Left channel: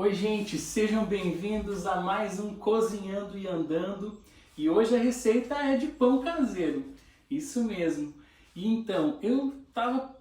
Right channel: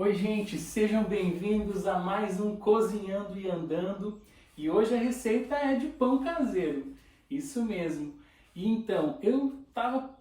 Oi gente, sejam bem-vindos a mais um Cozinhando e Andando. E hoje a receita é de pão caseiro, isso mesmo. E então, eu estava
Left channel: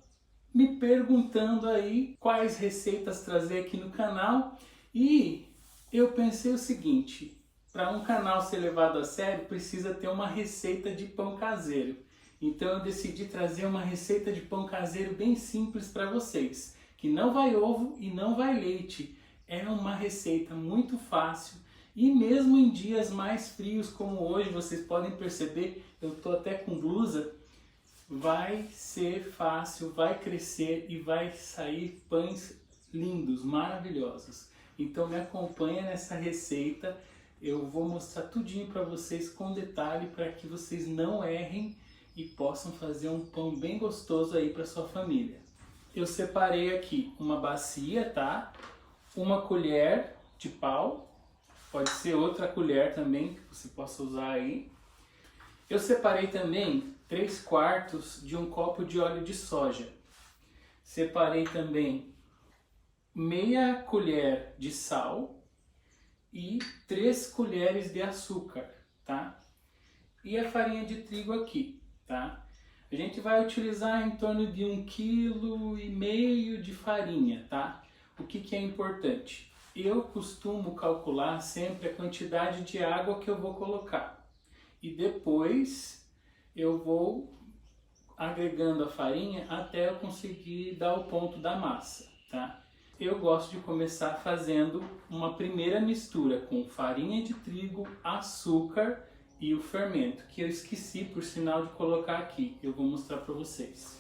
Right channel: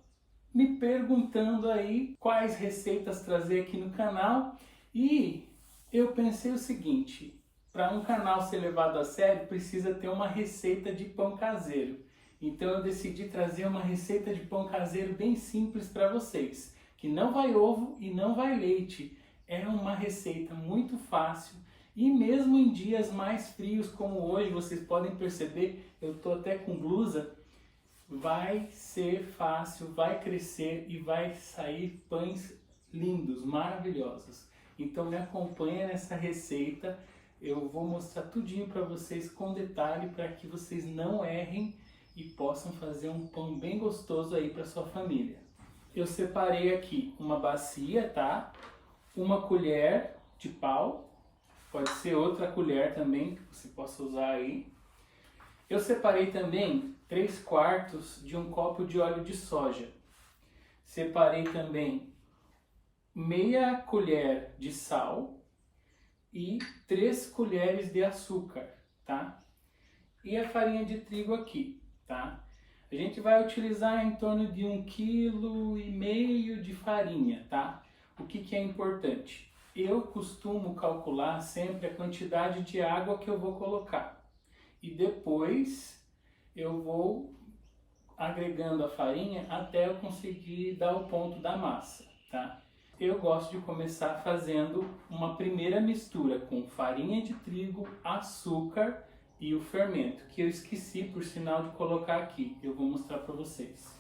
me perguntando aí quais receitas trazer aqui no canal e eu pensei o seguinte, para um canal ser levado a sério precisa ter uma receita de pão caseiro. Então eu decidi trazer uma receita de pão caseiro bem simples para vocês, que não vai ovo e não vai leite. É uma receita muito fácil e mesmo em dias mais frios como hoje, vocês podem perceber, eu estou até com blusa, vai ser fácil, vai crescer e vai sair pães lindos, maravilhosos. Então me acompanha nessa receita, eu vou mostrar tudinho para vocês com detalhe para que vocês não errem e possam fazer um pão bem gostoso aí para sua família. Eu separei aqui uma bacia, tá? Uma colher de pau, pode ser outra colher também que você possa usar aí. Eu separei também 3/4 de um copo de óleo de soja. Separei também meia colher de sal e 3 colheres de açúcar, tá? E a farinha de trigo aqui, tá? A gente vai utilizar em torno de 1,5 kg de farinha, tá? O que é importante? Eu costumo calcular sempre a quantidade de água que eu vou colocar. E depois eu vou agregando a farinha até eu conseguir dar o ponto da massa, tá? Eu gosto de começar fazendo uma primeira mistura com farinha de trigo, açúcar e o fermento, que eu esqueci por sinal de colocar aqui. Eu vou mostrar para vocês.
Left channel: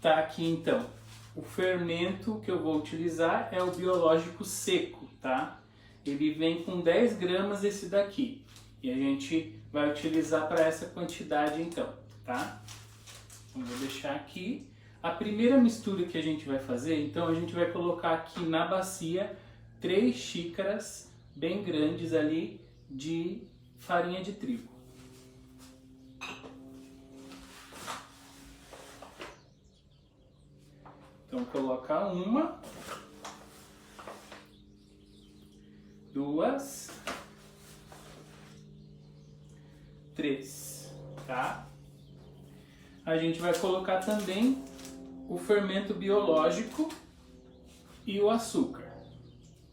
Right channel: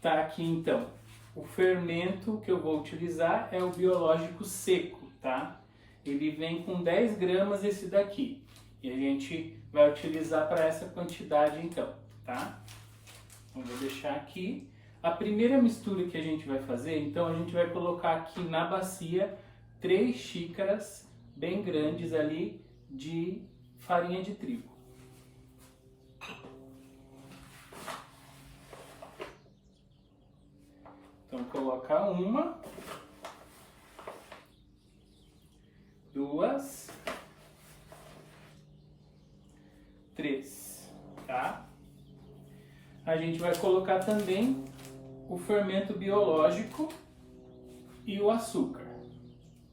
Tá aqui então. O fermento que eu vou utilizar é o biológico seco, tá? Ele vem com 10 gramas esse daqui. E a gente vai utilizar para essa quantidade então, tá? Então vou deixar aqui. A primeira mistura que a gente vai fazer, então a gente vai colocar aqui na bacia 3 xícaras bem grandes ali de farinha de trigo. Então coloca 1, 2, 3, tá? A gente vai colocar também o fermento biológico e o açúcar.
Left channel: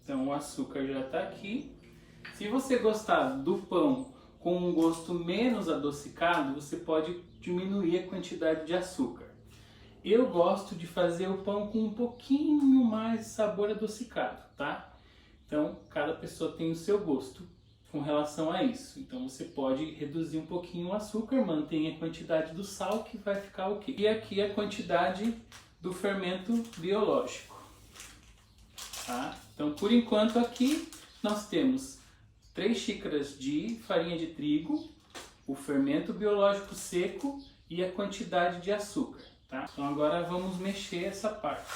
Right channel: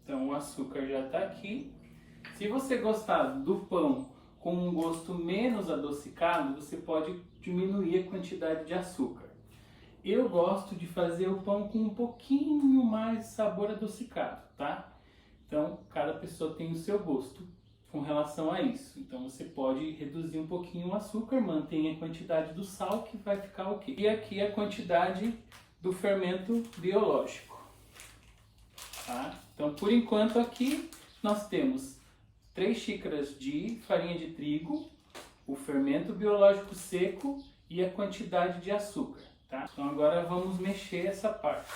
Então o açúcar já está aqui. Se você gostar do pão com um gosto menos adocicado, você pode diminuir a quantidade de açúcar. Eu gosto de fazer o pão com um pouquinho mais de sabor adocicado, tá? Então, cada pessoa tem o seu gosto com relação a isso. Então, você pode reduzir um pouquinho o açúcar, mantém a quantidade do sal que vai ficar ok. E aqui a quantidade do fermento biológico, tá? Então, por enquanto aqui nós temos 3 xícaras de farinha de trigo, o fermento biológico seco e a quantidade de açúcar. Tá? Então agora vamos mexer essa parte.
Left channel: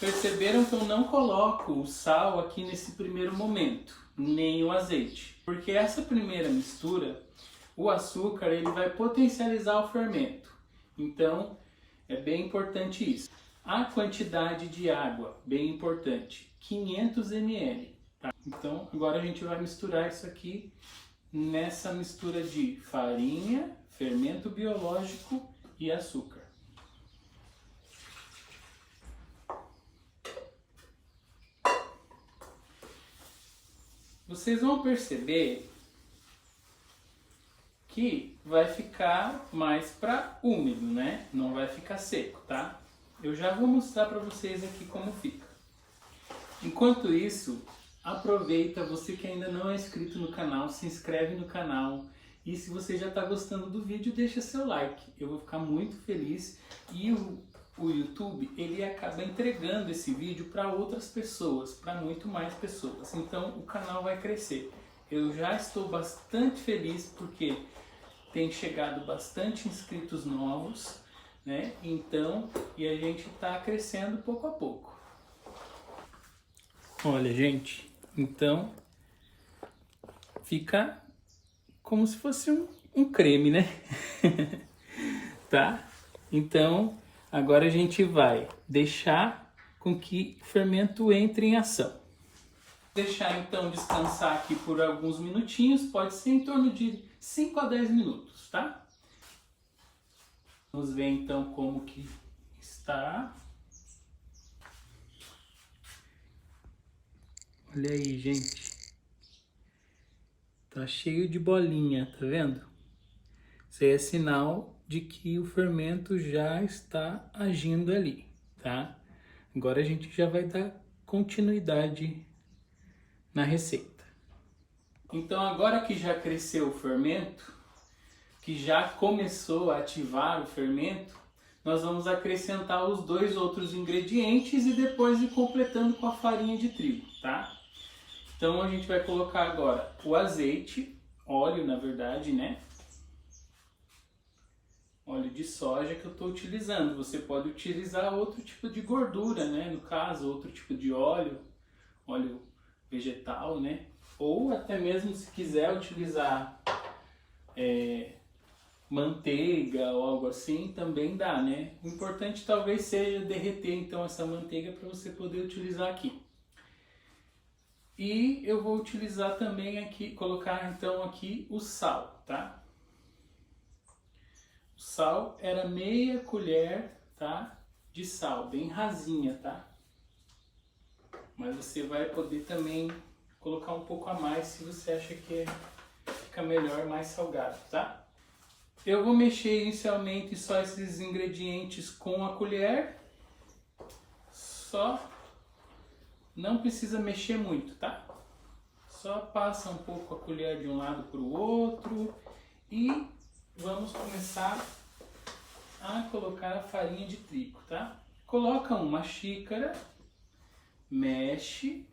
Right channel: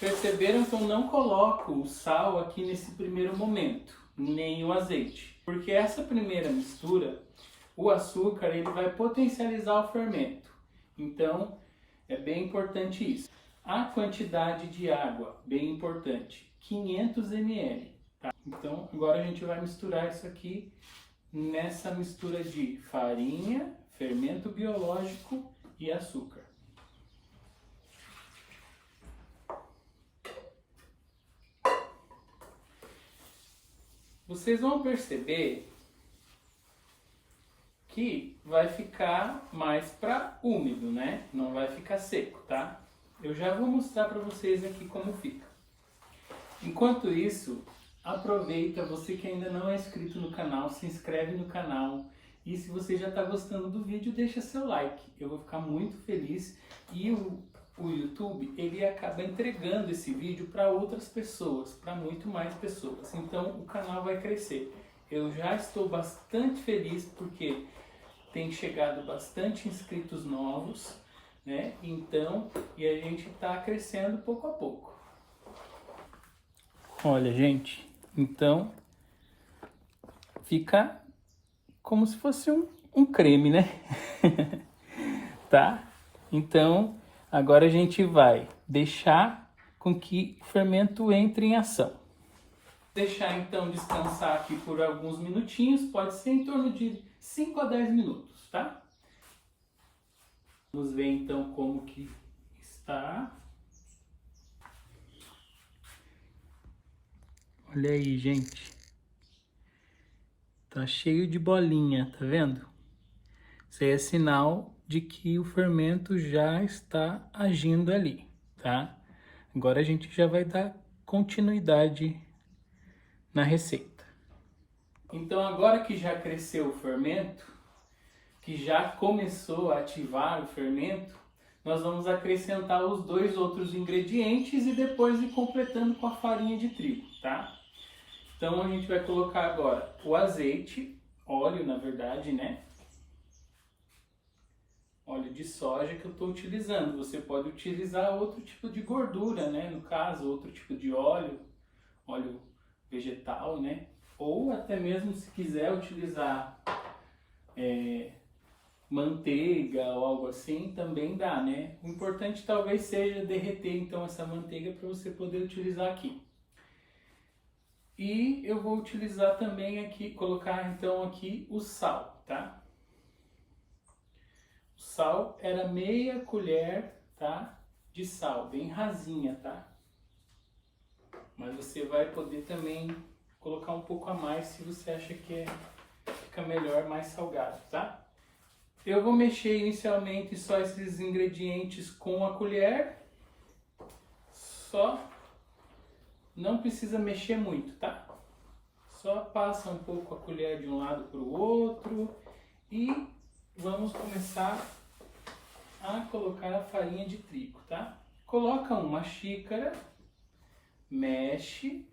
Perceberam que eu não coloco o sal aqui nesse primeiro momento, nem o azeite. Porque essa primeira mistura, o açúcar ele vai potencializar o fermento. Então é bem importante isso. A quantidade de água, bem importante, 500 ml. Tá? Então agora a gente vai misturar isso aqui nessa mistura de farinha, fermento biológico e açúcar. Vocês vão perceber que vai ficar mais para úmido, né? Não vai ficar seco, tá? Eu já vou mostrar para vocês aqui como fica. Enquanto isso, aproveita, você que ainda não é inscrito no canal, se inscreve no canal. E se você já está gostando do vídeo, deixa seu like. Eu vou ficar muito feliz. E o YouTube, ele acaba entregando esse vídeo para outras pessoas, para muito mais pessoas. Então o canal vai crescer. Eu já estou bastante feliz porque tem chegado bastante inscritos novos, né? Então, e a gente está crescendo pouco a pouco. Olha, gente, então fica como se fosse um creme, né? Tá? Então Agora a gente vai deixar com que o fermento entre em ação. Deixar então descansar aqui por alguns minutinhos, pode ser em torno de 5 a 10 minutos, tá? Vamos ver então como que está. Olha aí, gente. Tá cheio de bolinha, tá vendo? Isso aí é sinal de que o fermento já está agindo ali, tá? Agora a gente já vai dar continuidade na receita. Então agora que já cresceu o fermento, que já começou a ativar o fermento, nós vamos acrescentar os 2 outros ingredientes e depois ir completando com a farinha de trigo, tá? Então a gente vai colocar agora o azeite, óleo na verdade, né? Óleo de soja que eu estou utilizando. Você pode utilizar outro tipo de gordura, né? No caso, outro tipo de óleo, óleo vegetal, né? Ou até mesmo se quiser utilizar manteiga ou algo assim, também dá, né? O importante talvez seja derreter então essa manteiga para você poder utilizar aqui. E eu vou utilizar também aqui, colocar então aqui o sal, tá? O sal era meia colher, tá? De sal, bem rasinha, tá? Mas você vai poder também colocar um pouco a mais se você acha que fica melhor, mais salgado, tá? Eu vou mexer inicialmente só esses ingredientes com a colher, só, não precisa mexer muito, tá? Só passa um pouco a colher de um lado para o outro e vamos começar a colocar a farinha de trigo, tá? Coloca uma xícara, mexe.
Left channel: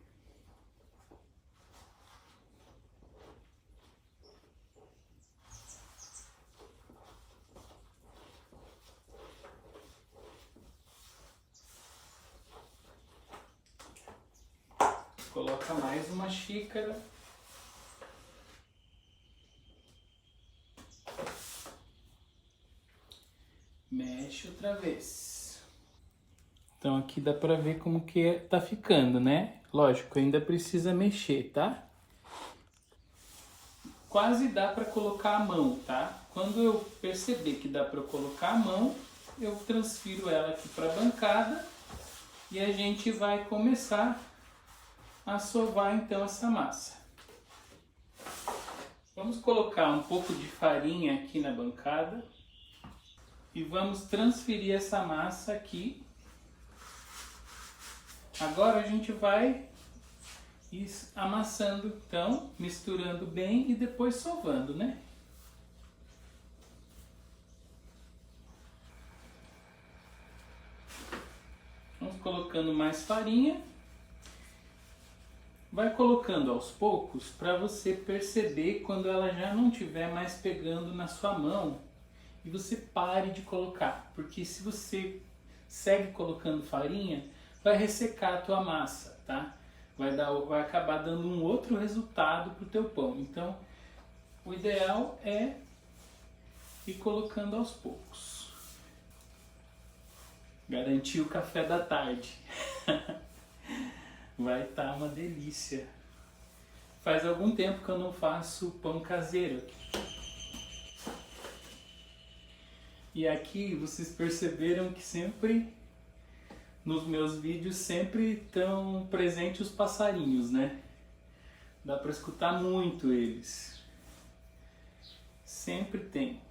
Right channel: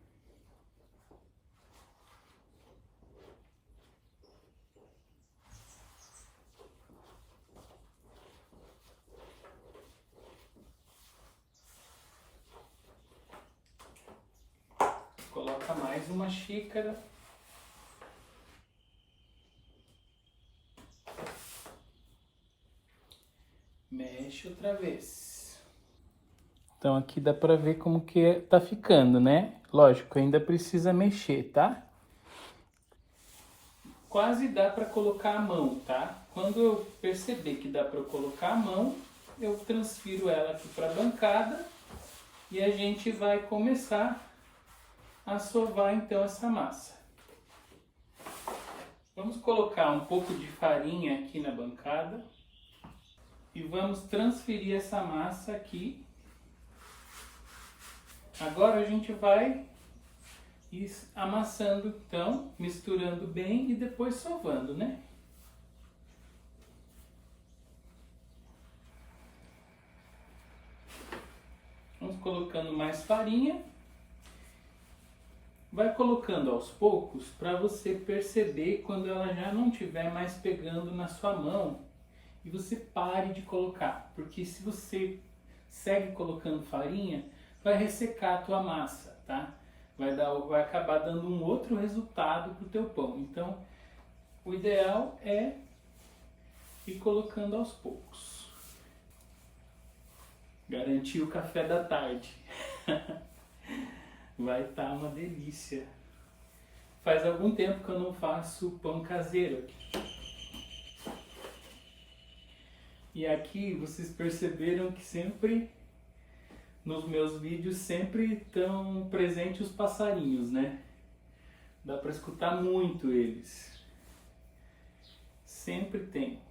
Coloca mais uma xícara. Mexe outra vez. Então aqui dá pra ver como que tá ficando, né? Lógico, ainda precisa mexer, tá? Quase dá pra colocar a mão, tá? Quando eu perceber que dá pra colocar a mão, eu transfiro ela aqui pra bancada e a gente vai começar a sovar então essa massa. Vamos colocar um pouco de farinha aqui na bancada e vamos transferir essa massa aqui. Agora a gente vai ir amassando, então, misturando bem e depois sovando, né? Vamos colocando mais farinha. Vai colocando aos poucos para você perceber quando ela já não estiver mais pegando na sua mão e você pare de colocar, porque se você segue colocando farinha, vai ressecar a tua massa, tá? Vai acabar dando um outro resultado para o teu pão. Então, o ideal é ir colocando aos poucos. Garantir o café da tarde. Vai estar uma delícia. Faz algum tempo que eu não faço pão caseiro aqui. E aqui vocês perceberam que sempre, nos meus vídeos, sempre estão presentes os passarinhos, né? Dá para escutar muito eles. Sempre tem.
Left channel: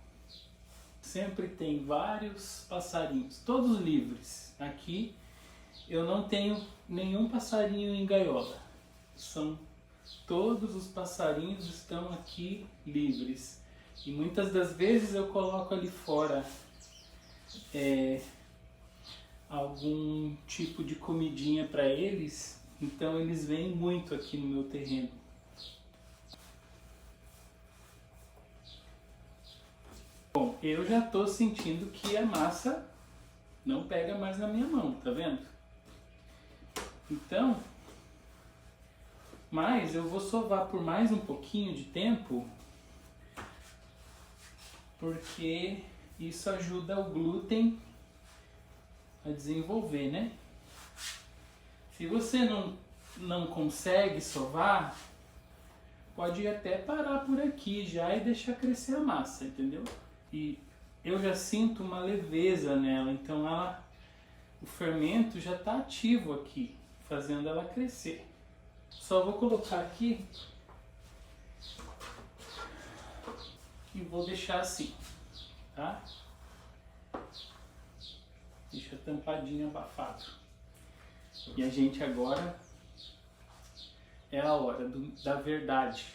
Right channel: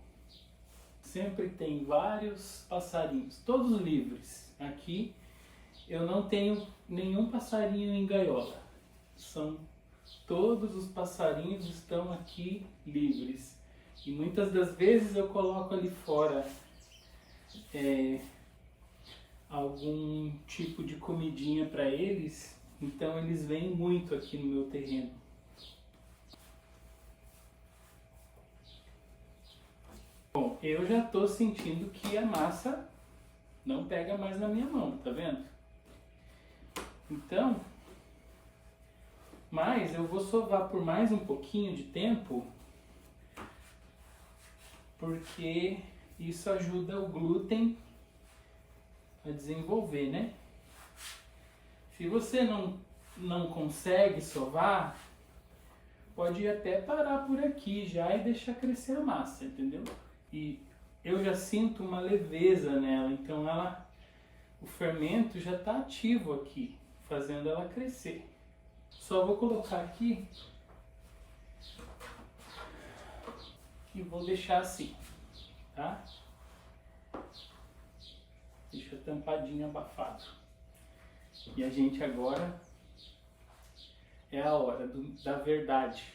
Sempre tem vários passarinhos, todos livres. Aqui eu não tenho nenhum passarinho em gaiola. Todos os passarinhos estão aqui livres. E muitas das vezes eu coloco ali fora algum tipo de comidinha para eles. Então eles vêm muito aqui no meu terreno. Bom, eu já estou sentindo que a massa não pega mais na minha mão, tá vendo? Então, mas eu vou sovar por mais um pouquinho de tempo, porque isso ajuda o glúten a desenvolver, né? Se você não consegue sovar, pode até parar por aqui já e deixar crescer a massa, entendeu? E eu já sinto uma leveza nela, então o fermento já está ativo aqui, fazendo ela crescer. Só vou colocar aqui e vou deixar assim, tá? Deixa tampadinho, abafado. E a gente agora é a hora da verdade.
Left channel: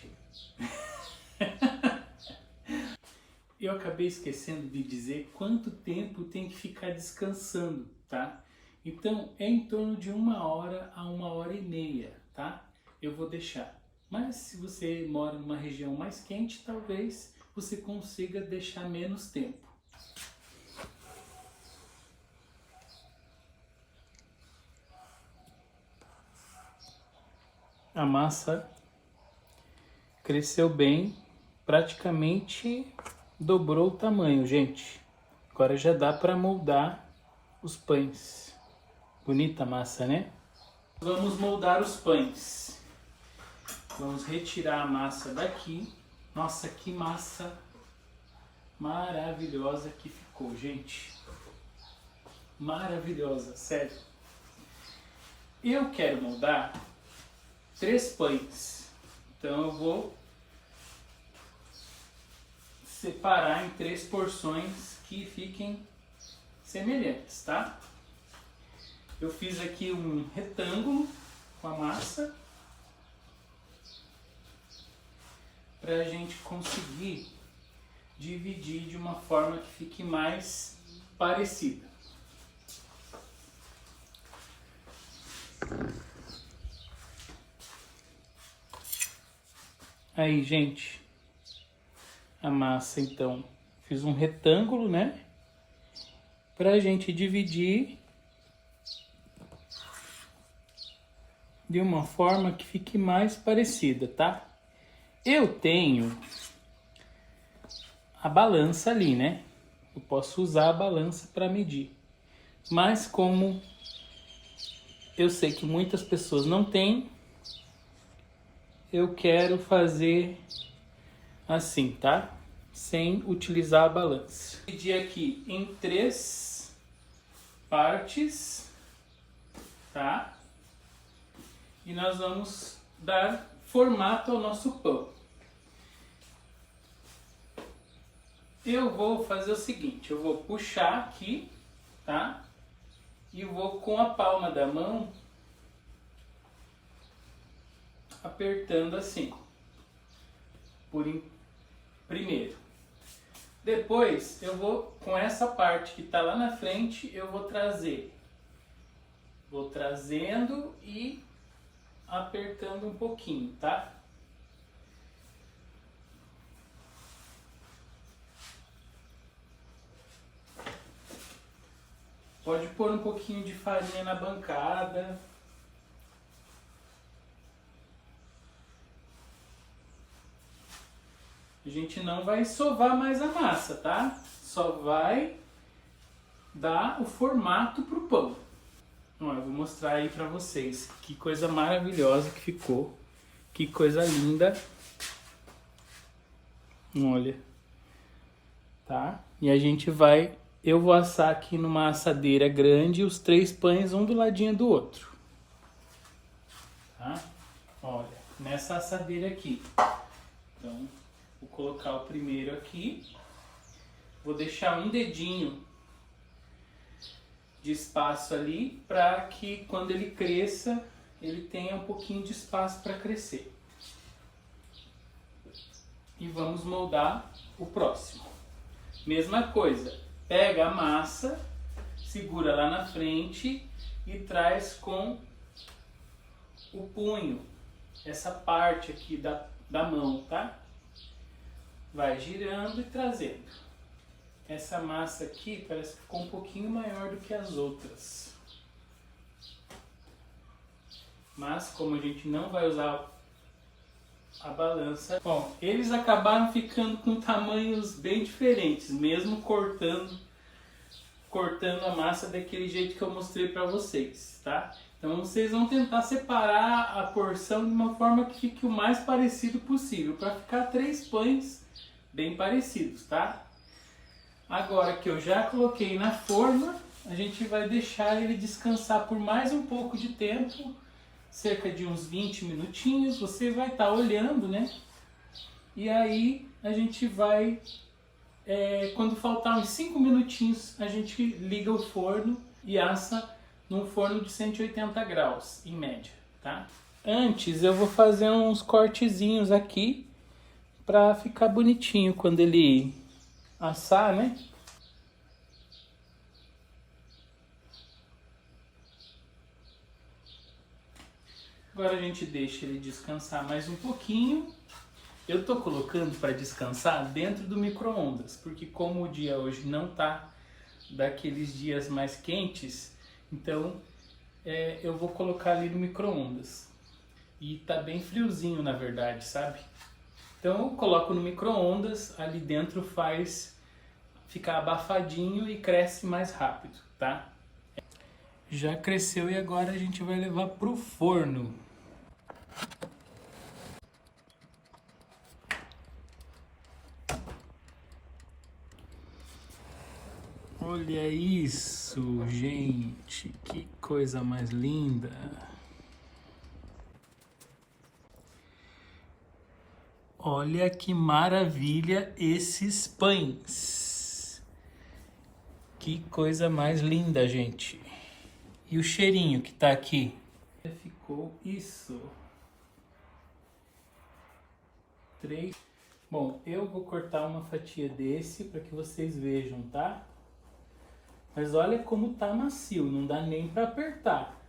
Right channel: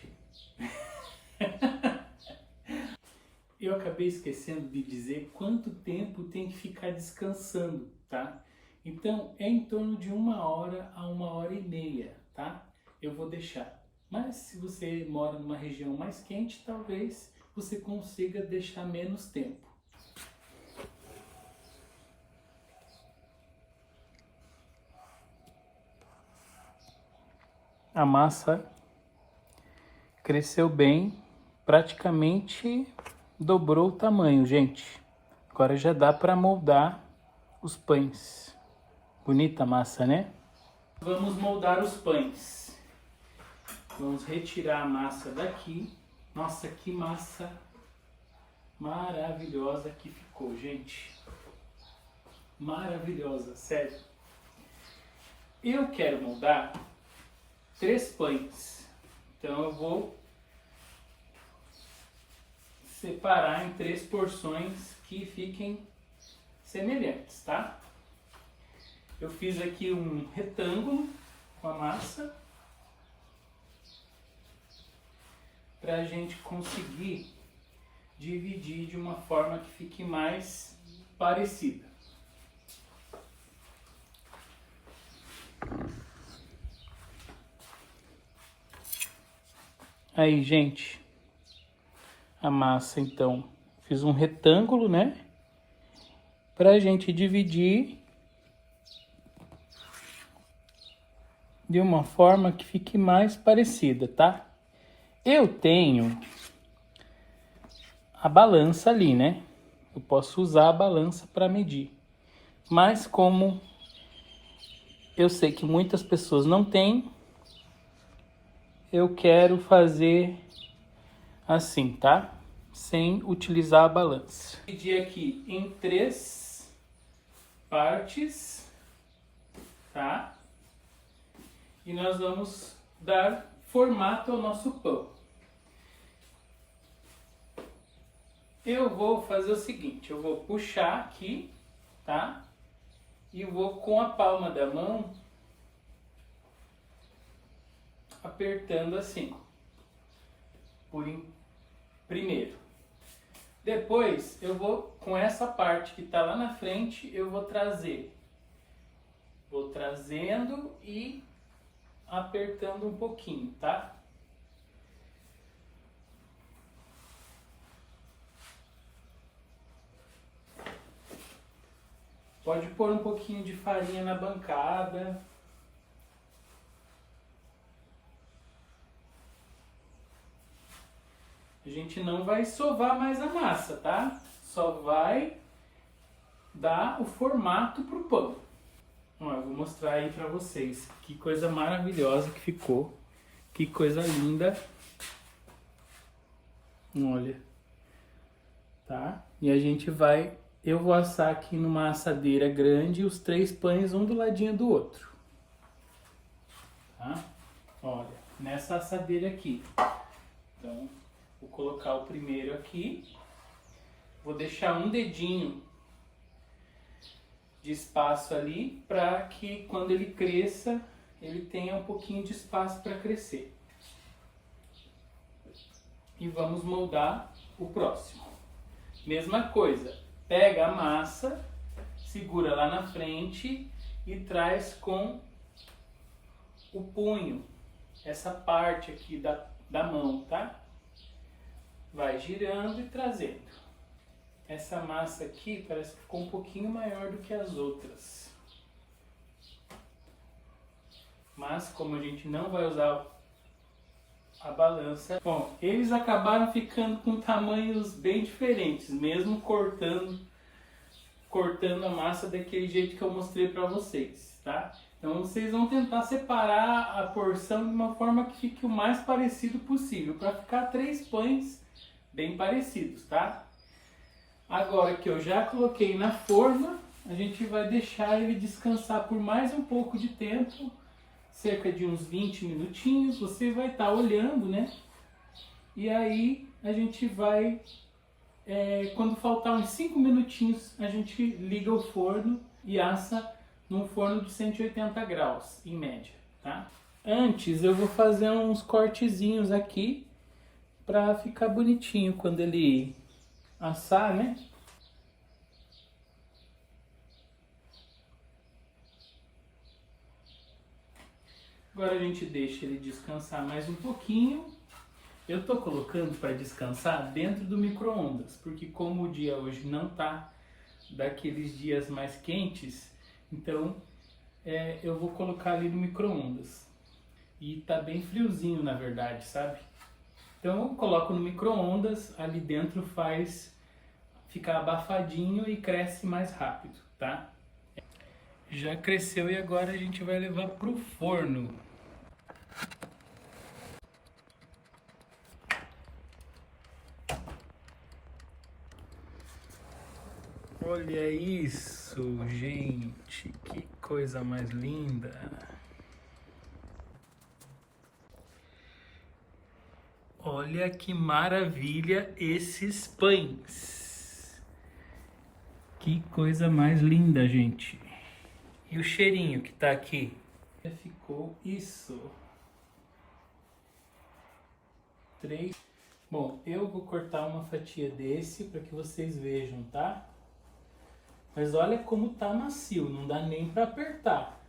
Eu acabei esquecendo de dizer quanto tempo tem que ficar descansando, tá? Então é em torno de 1 hora a 1 hora e meia, tá? Eu vou deixar. Mas se você mora numa região mais quente, talvez você consiga deixar menos tempo. A massa cresceu bem, praticamente dobrou o tamanho, gente. Agora já dá para moldar os pães. Bonita a massa, né? Vamos moldar os pães. Vamos retirar a massa daqui. Nossa, que massa maravilhosa que ficou, gente. Maravilhosa, sério. Eu quero moldar 3 pães. Então eu vou separar em 3 porções que fiquem semelhantes, tá? Eu fiz aqui um retângulo com a massa para a gente conseguir dividir de uma forma que fique mais parecida. Aí, gente, a massa, então, fiz um retângulo, né? Pra gente dividir de uma forma que fique mais parecida, tá? Eu tenho a balança ali, né? Eu posso usar a balança para medir. Mas como eu sei que muitas pessoas não têm, eu quero fazer assim, tá? Sem utilizar a balança. Dividi aqui em 3 partes, tá? E nós vamos dar formato ao nosso pão. Eu vou fazer o seguinte, eu vou puxar aqui, tá? E vou com a palma da mão apertando assim, primeiro. Depois eu vou, com essa parte que está lá na frente, eu vou trazendo e apertando um pouquinho, tá? Pode pôr um pouquinho de farinha na bancada. A gente não vai sovar mais a massa, tá? Só vai dar o formato pro pão. Ó, eu vou mostrar aí pra vocês. Que coisa maravilhosa que ficou. Que coisa linda. Olha. Tá? E a gente vai... Eu vou assar aqui numa assadeira grande os 3 pães, um do ladinho do outro. Tá? Olha, nessa assadeira aqui. Então... Vou colocar o primeiro aqui, vou deixar um dedinho de espaço ali para que quando ele cresça, ele tenha um pouquinho de espaço para crescer. E vamos moldar o próximo. Mesma coisa, pega a massa, segura lá na frente e traz com o punho, essa parte aqui da mão, tá? Vai girando e trazendo. Essa massa aqui parece que ficou um pouquinho maior do que as outras. Mas como a gente não vai usar a balança... Bom, eles acabaram ficando com tamanhos bem diferentes, mesmo cortando cortando a massa daquele jeito que eu mostrei para vocês, tá? Então vocês vão tentar separar a porção de uma forma que fique o mais parecido possível, para ficar 3 pães bem parecidos, tá? Agora que eu já coloquei na forma, a gente vai deixar ele descansar por mais um pouco de tempo, cerca de uns 20 minutinhos. Você vai estar olhando, né? E aí a gente vai, quando faltar uns 5 minutinhos, a gente liga o forno e assa num forno de 180 graus, em média, tá? Antes eu vou fazer uns cortezinhos aqui para ficar bonitinho quando ele assar, né? Agora a gente deixa ele descansar mais um pouquinho. Eu tô colocando para descansar dentro do micro-ondas, porque como o dia hoje não tá daqueles dias mais quentes, então eu vou colocar ali no micro-ondas. E tá bem friozinho, na verdade, sabe? Então eu coloco no micro-ondas, ali dentro faz ficar abafadinho e cresce mais rápido, tá? Já cresceu e agora a gente vai levar pro forno. Olha isso, gente, que coisa mais linda. Olha que maravilha esses pães. Que coisa mais linda, gente. E o cheirinho que tá aqui? Ficou isso. 3. Bom, eu vou cortar uma fatia desse para que vocês vejam, tá? Mas olha como tá macio, não dá nem para apertar.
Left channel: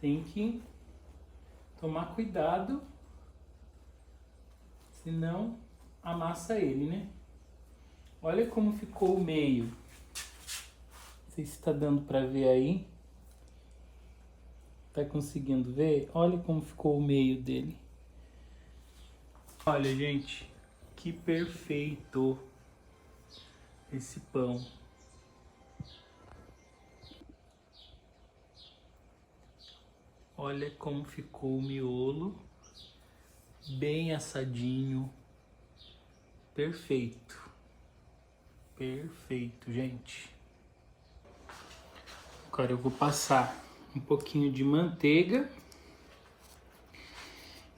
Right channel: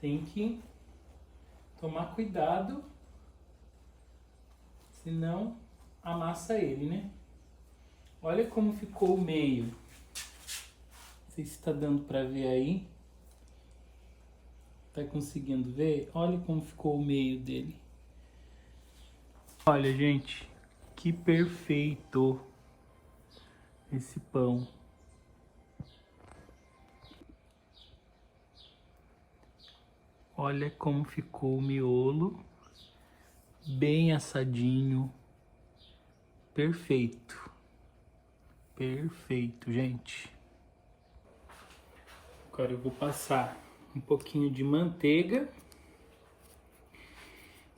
Tem que tomar cuidado, senão amassa ele, né? Olha como ficou o meio. Não sei se está dando para ver aí. Tá conseguindo ver? Olha como ficou o meio dele. Olha, gente, que perfeito esse pão. Olha como ficou o miolo, bem assadinho, perfeito, perfeito, gente. Agora eu vou passar um pouquinho de manteiga,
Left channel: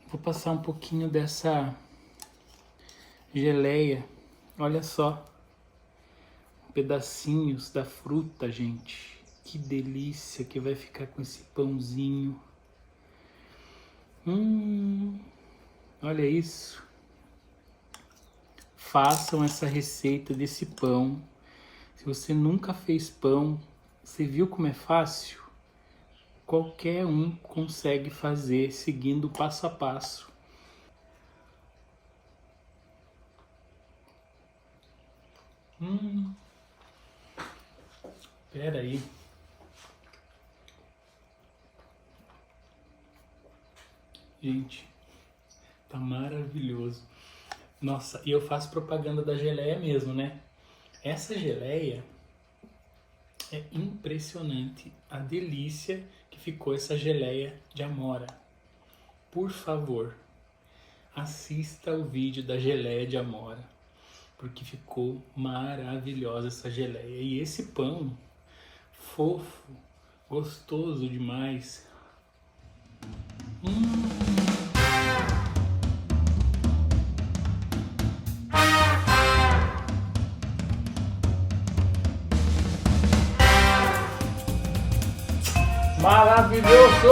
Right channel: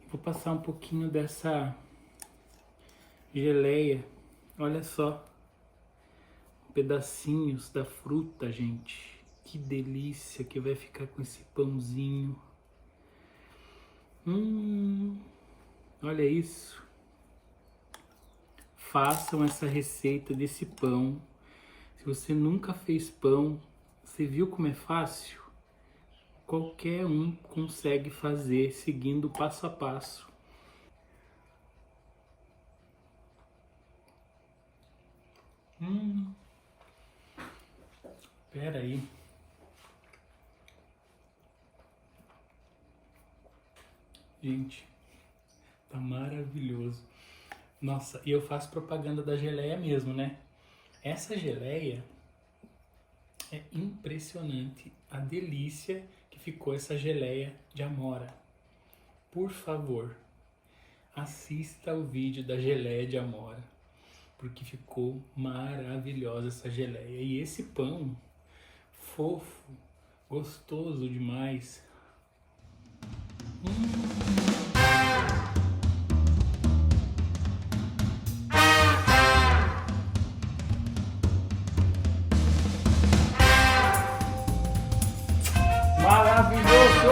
vou passar um pouquinho dessa geleia, olha só, pedacinhos da fruta, gente, que delícia que vai ficar com esse pãozinho. Olha isso. Façam essa receita desse pão. Se você nunca fez pão, você viu como é fácil? Qualquer um consegue fazer seguindo passo a passo. Espera aí. Gente, tá maravilhoso. Nossa, e eu faço propaganda da geleia mesmo, né? Essa geleia é impressionante. A delícia que ficou essa geleia de amora. Por favor, assista o vídeo da geleia de amora, porque ficou maravilhosa essa geleia. E esse pão, fofo, gostoso demais. Maravilhoso!